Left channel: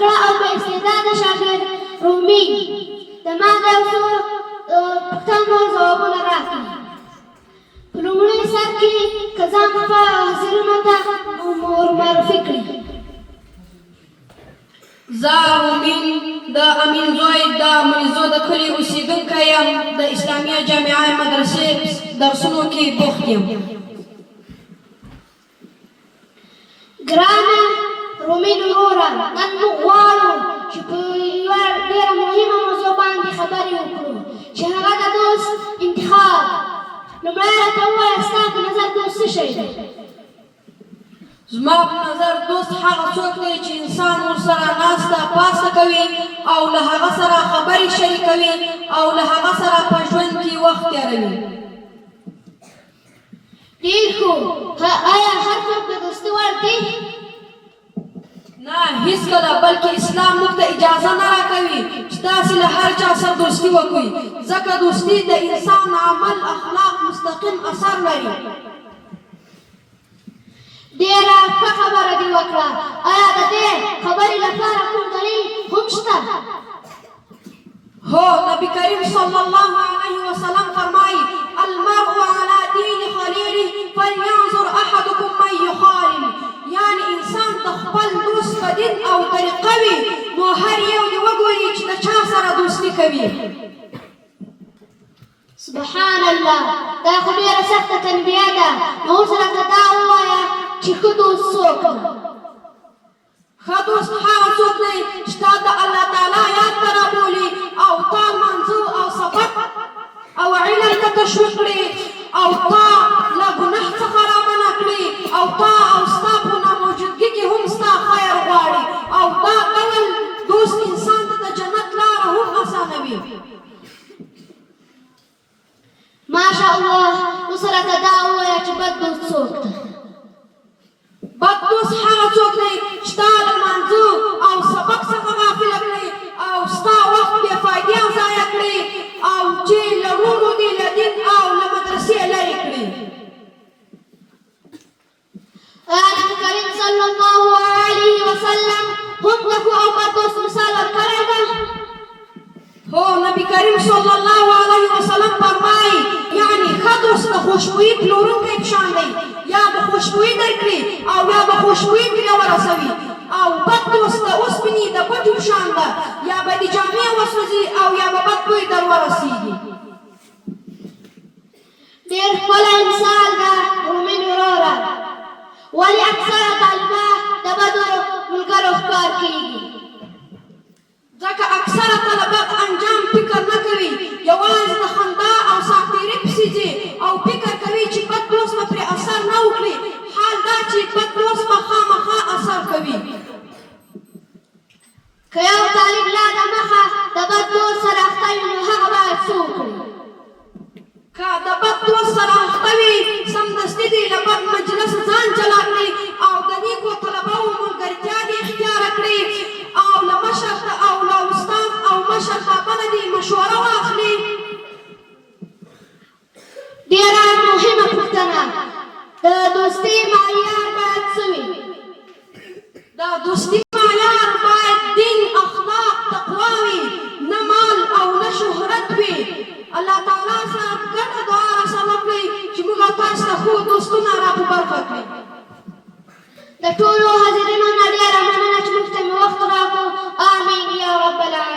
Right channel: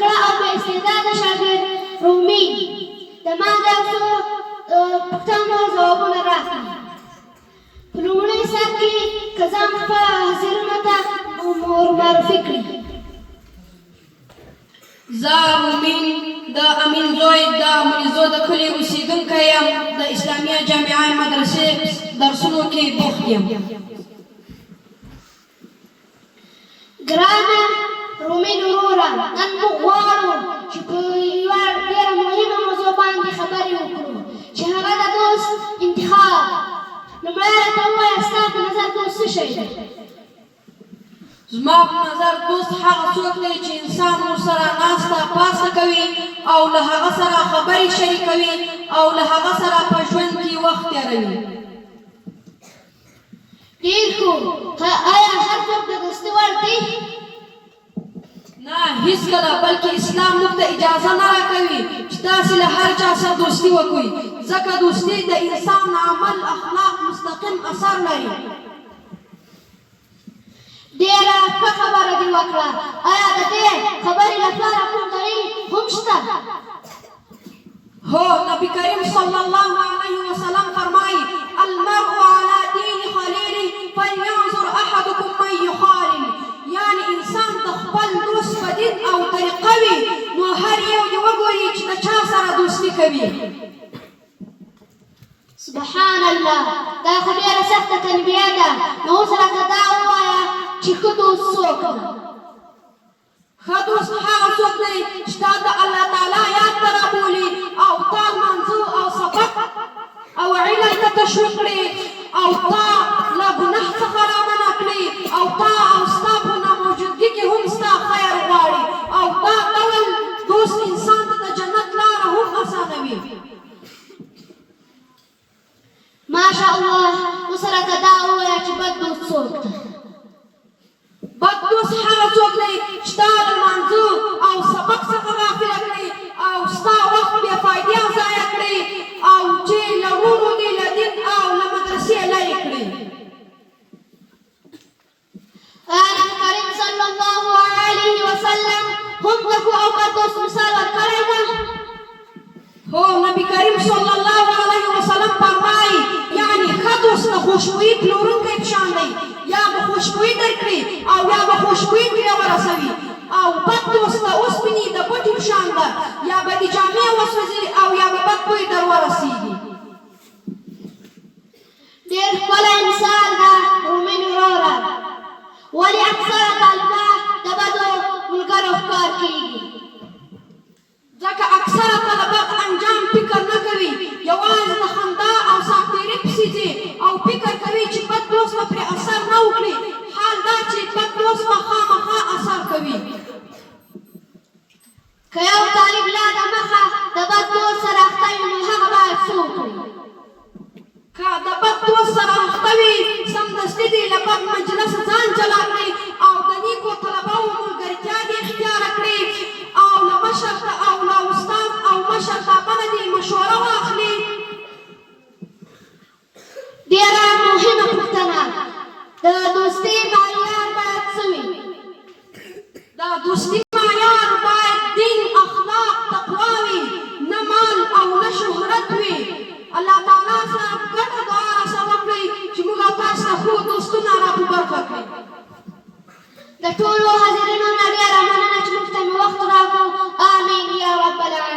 تکړه او با استعداده شاګرد رومي د ما د یو څو پوښتنو ځوابونه راکړي. په لومړي سر کې که ځان خپلو حاضرینو ته معرفي کړي. زه رومین د امین زوی د مریزو د کلي اوسېدونکی یم. د اسلامیه جامعه مدرسې درسونو کې بوخت یم. ګرانه رومین وروره، نن موږ غواړو چې په یوه ډېره مهمه موضوع باندې خبرې وکړو چې هغه د دوست انتخاب. لومړی راته ووایه ستا په نظر دوست څه شی دی؟ زما په نظر دوست هغه څوک دی چې انسان ورسره ناسته پاسته کوي او له هغه سره خبرې شریکوي او له هغه سره په ژوند کې وخت تېروي. ډېر ښه. آیا هر څوک د دوستي وړ دی؟ نه هیڅکله، بلکې اسلام موږ ته اجازه نه راکوي چې تاسې له هر چا سره دوستي وکړئ، ځکه دوستي د انسان عمل اخلاق مستقیم اثر لري. ډېره ښه خبره دې وکړه. آیا د دې خبرې لپاره کوم دلیل هم شته؟ هو، نبی کریم صلی الله علیه وسلم فرمایي: المرء على دین خلیله فلینظر احدکم من یخالل. یعنی انسان د خپل دوست په دین او طریقه وي، نو هر یو دې وګوري چې د چا سره دوستي کوي. سبحان الله، دا خو ډېره سخته تنبیه ده. نو اوس راته دا ووایه چې ښه دوست څوک دی؟ ښه دوست هغه څوک دی چې تا د الله تعالی یاد ته رابولي او تا لمانځه او سبق او علم ته تشویق کړي او تا له ګناه څخه رامنع کړي او تا او ستا په ناموجودګي کې هم ستا خیر غواړي او دا ډول دوست انسان ته د جنت لاره هم اسانوي. ماشاءالله. اوس راته دا ووایه چې بد دوست څوک دی؟ بد دوست هغه څوک دی چې تا له لمانځه او سبق څخه غافله کړي او ستا وخت بې فایدې ضایع کړي او چې له وروڼو دې له دین او له مدرسې لرې کړي. آیا نبي کریم صلی الله علیه وسلم هم د ښه او بد دوست مثال ورکړی ده؟ هو، نبی کریم صلی الله علیه وسلم فرمایي یعنی ښه دوست د خوشبویي پلورونکی په شان دی، یا به خوشبویي درکړي او یا به خوشبویي ترې ورسوي، او بد دوست د اوسپنې د بټې په شان ده، یا به دې جامې وسوځي او یا به بد بوی در ورسېږي. ډېر ښکلی مثال ده رومین وروره. ولې اکثره طالبان د بدو ملګرو ښکار کېږي؟ ځکه اکثره طلبه انجام فکر نه کوي، یوازې د خندا او ساعتېرۍ پسې ځي او فکر کوي چې بد دوست به پرې اثر نه وکړي. حال دا چې بد دوست به خامخا اثر کوي. که یو طالب لا دمخه د بد دوست سره اخته وي نو هغه باید څه وکړي؟ که د بد دوست سره اخته وي، سمدستي دې له بد مجلس ځان جلا کړي او د نیکو طلباو ملګرتیا دې اختیاره کړي او له مشر او له استاد او مشر بابا نه دې مشوره واخلي. ډېره مهمه پوښتنه، د دوستۍ معیار باید څه وي؟ د دوستي معیار باید دین، اخلاق، تقوا وي، نه مال او نه شهرت وي. الله تعالی سره ګډه دعا راسره وکړئ چې موږ او تاسو ته ښه دوستونه را په برخه کړي. د ټولو حاضرینو نه ډېره مننه چې موږ ته مې وخت راکړ. آمین یا رب العالمین.